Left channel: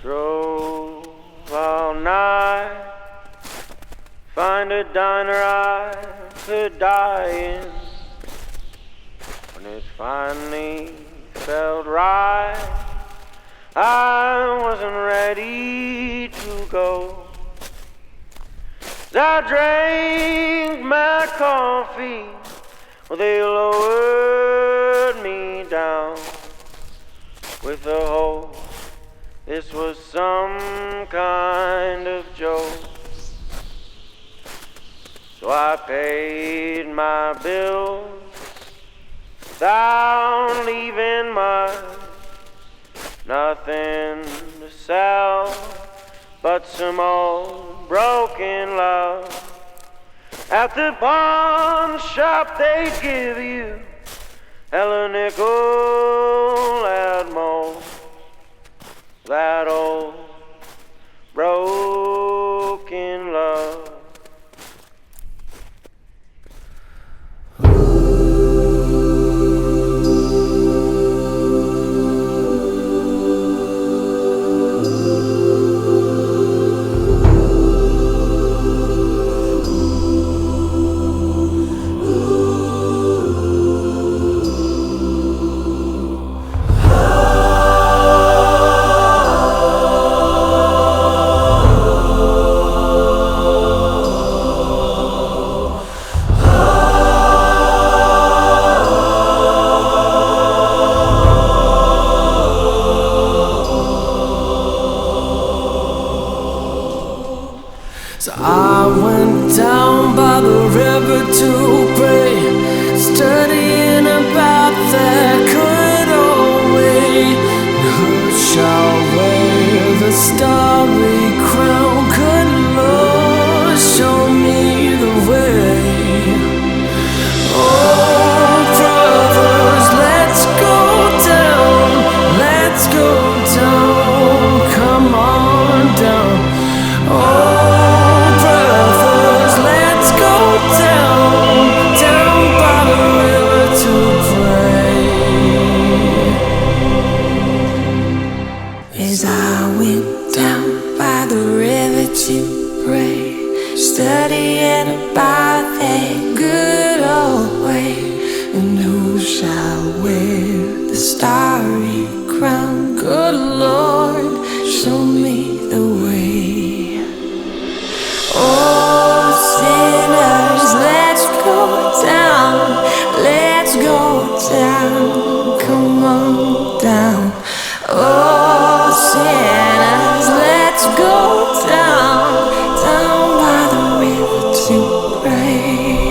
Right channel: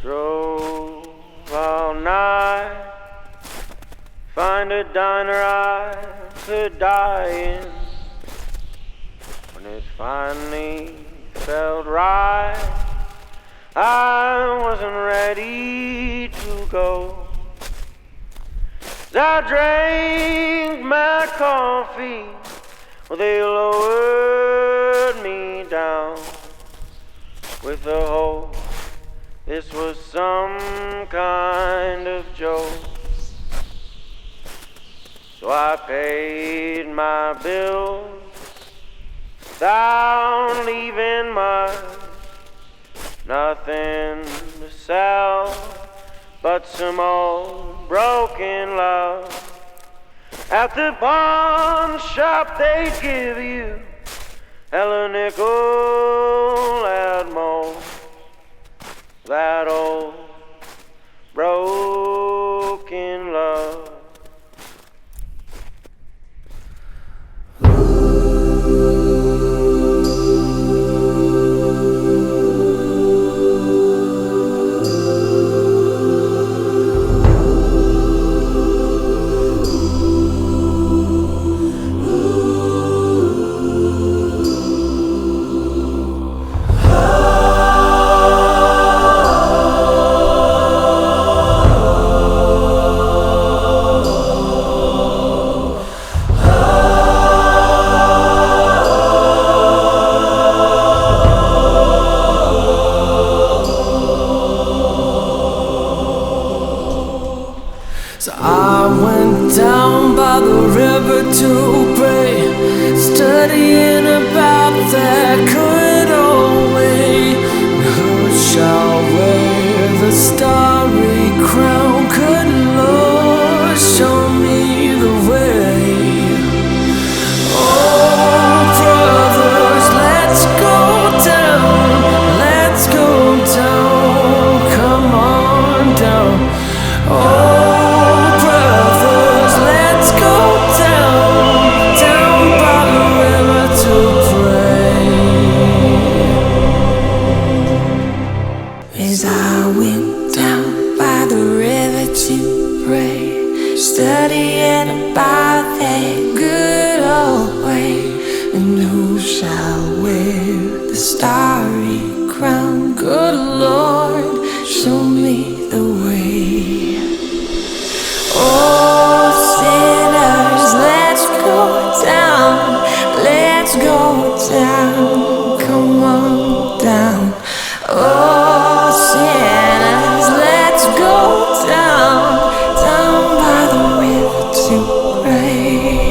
Drove all night, find a diner I could die in. When it finally felt right, I wasn't ready to go. I drank my coffee, well, they lowered me down with the hope this was some kind of joke. So I paid my bills without leaving much, nothing to sell but some old broken love. At the pawn shop they give you a nickel at most. That old broken love. So I went down by the river to pray, studying about that good old way. Who shall wear the starry crown? Good Lord, show me the way. Oh, brothers, let's go down, let's go down, come on down. Oh, brothers, let's go down, down by the river to pray. As I went down by the river to pray, studying about that good old way. And who shall wear the starry crown? Good Lord, show me the way. Oh, sinners, let's go down, let's go down, come on down. Oh, sinners, let's go down, down by the river to pray.